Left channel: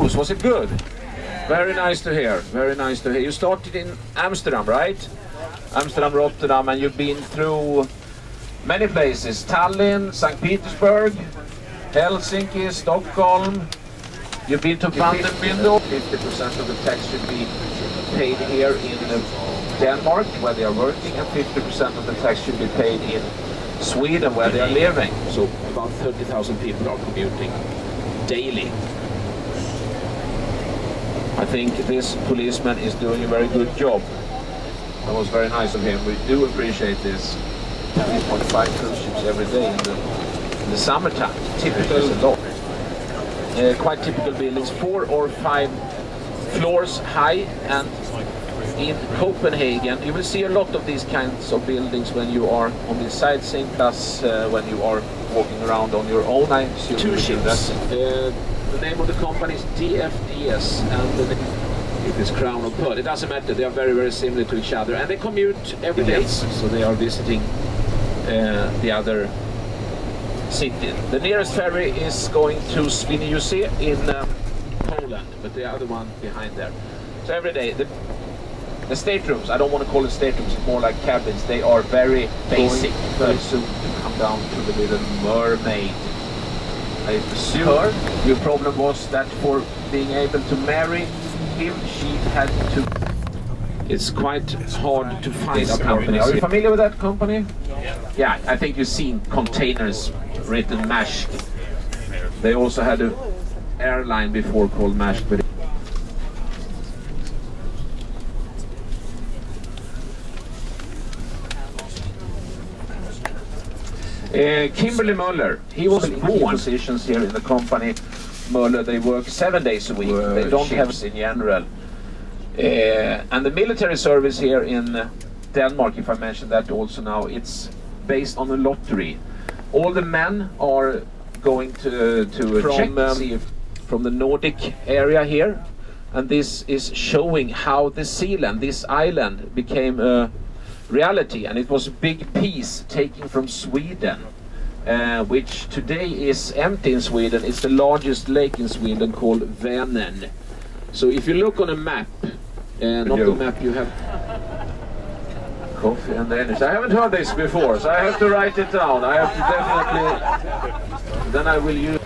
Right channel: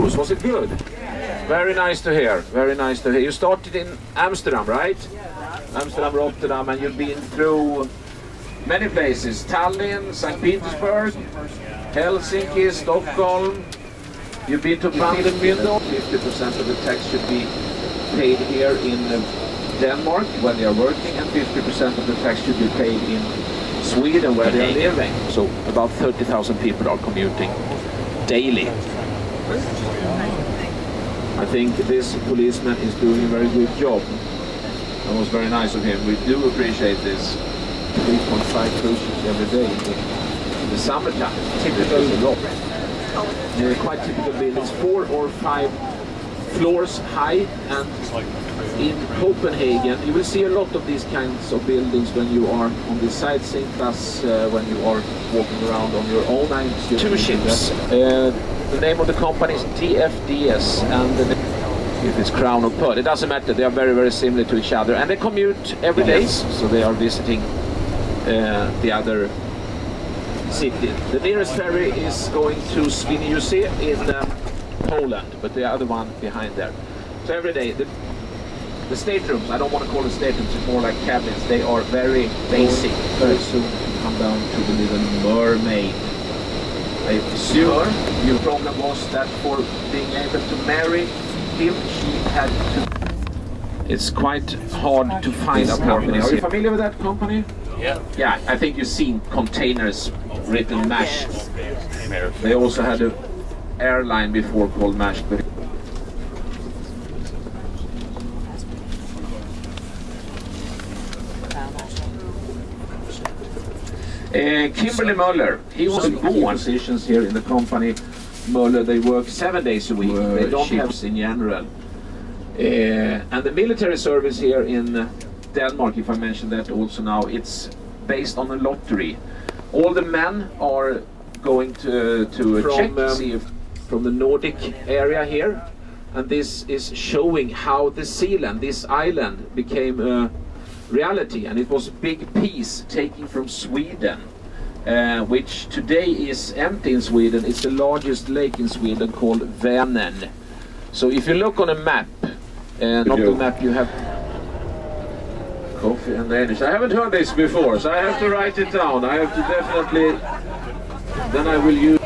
cruise? Was it good? Very nice to hear. Very nice to hear. You started in Amsterdam, right? Amsterdam, Rotterdam, and you've been through many places. Tallinn, St. Petersburg, Helsinki, Stockholm. You've been to Vandenbindel. 50% of the tax should be paid here in Denmark where they are working, and 50% of the tax should be paid in Sweden where they are living. So about 30,000 people are commuting daily. I think this policeman is doing a very good job. That was very nice of him. We do appreciate this. 3.5 cruise ships every day in the summertime. Typical a lot. Quite typical buildings, 4 or 5 floors high, and in Copenhagen you will see a lot of these kinds of buildings when you are on the sightseeing, plus when you are walking around on your own. I assume 2 ships. The name of the company is DFDS, and the if it's Crown or Pearl, it doesn't matter. They are very, very similar to each other, and they commute every day, so they are visiting the other city. The nearest ferry is going to Scandinavia in Poland, but the other one behind there. So every day, the staterooms, I don't want to call it staterooms, it's more like cabins. They are very basic. Very soon to come down to the Little Mermaid. I assume your problem was that for being able to marry him, she had to... It's quite hard to find apartments. Are you familiar with that company? Yeah. Yeah, I think you've seen containers written MASH. They also had an airline before called MASH. But Kimberly Möller, he was born positions here in the company. Möller, they work 7 days a week. They don't have in general. And the military service here in Denmark, if I mention that also now, it's based on a lottery. All the men are going to check to see if from the Nordic area here, and this is showing how the Zealand, this island, became a reality, and it was a big piece taken from Sweden, which today is empty in Sweden. It's the largest lake in Sweden called Vänern. So if you look on a map, not the map you have... Coffee and energy. I haven't heard this before, so I have to write it down. I have to definitely... Then I will use...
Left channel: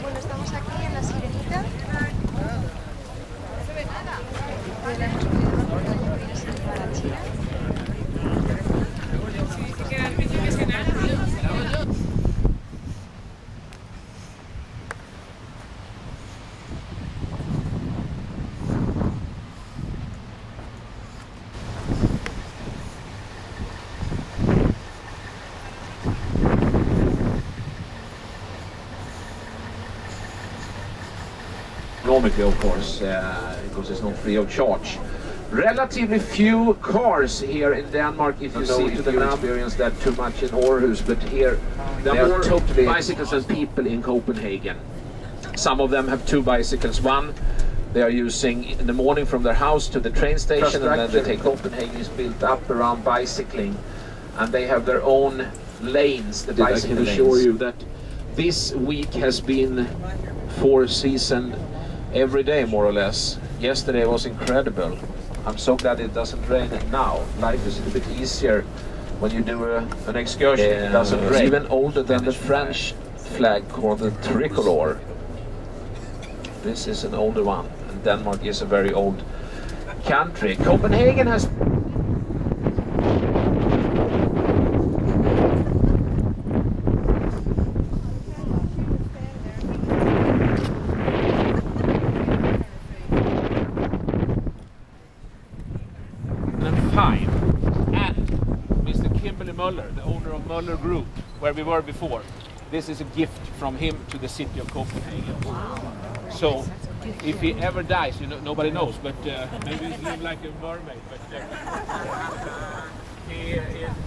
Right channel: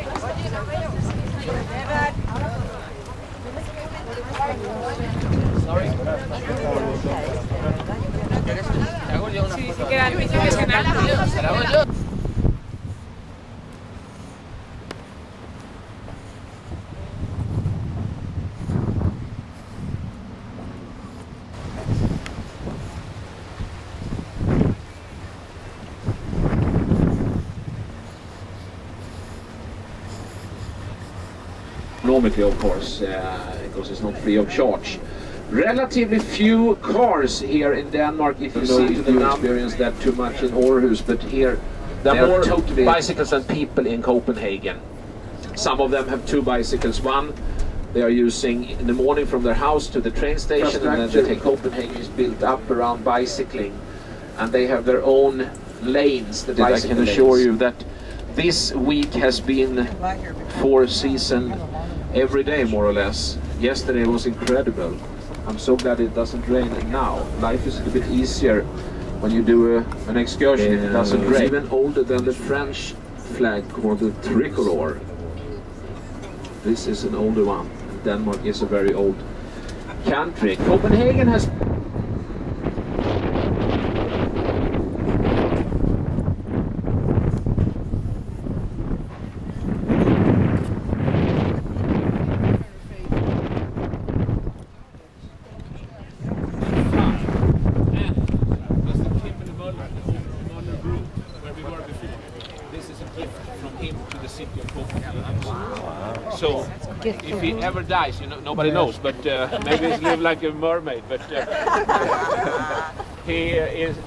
Economically, of course, because it's not free of charge. Relatively few cars here in Denmark, if you see the experience that too much in Aarhus, but here there are more totally bicycles than people in Copenhagen. Some of them have 2 bicycles. One they are using in the morning from their house to the train station, and then they take... Copenhagen is built up around bicycling, and they have their own lanes. I can assure you that this week has been 4 season every day, more or less. Yesterday was incredible. I'm so glad it doesn't rain now. Life is a bit easier when you do an excursion. It doesn't rain. It's even older than the French flag called the tricolor. This is an older one, and Denmark is a very old country. Copenhagen has... the owner of Möller Group, where we were before. This is a gift from him to the city of Copenhagen. Wow. So, if he ever dies, you know, nobody knows, but maybe he'll live like a mermaid. But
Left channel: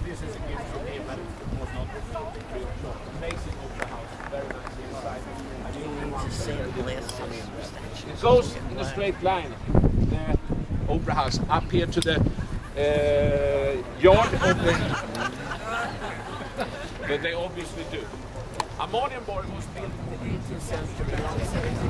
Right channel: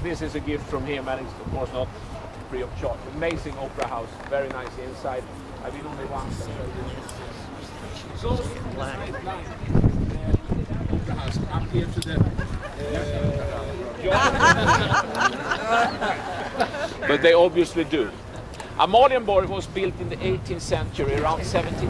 this is a gift from him, and it's of course not free of charge. Amazing opera house, very nice inside. I didn't want to. It goes in a straight line. The opera house up here to the yard, but they obviously do. Amalienborg was built in the 18th century, around 17.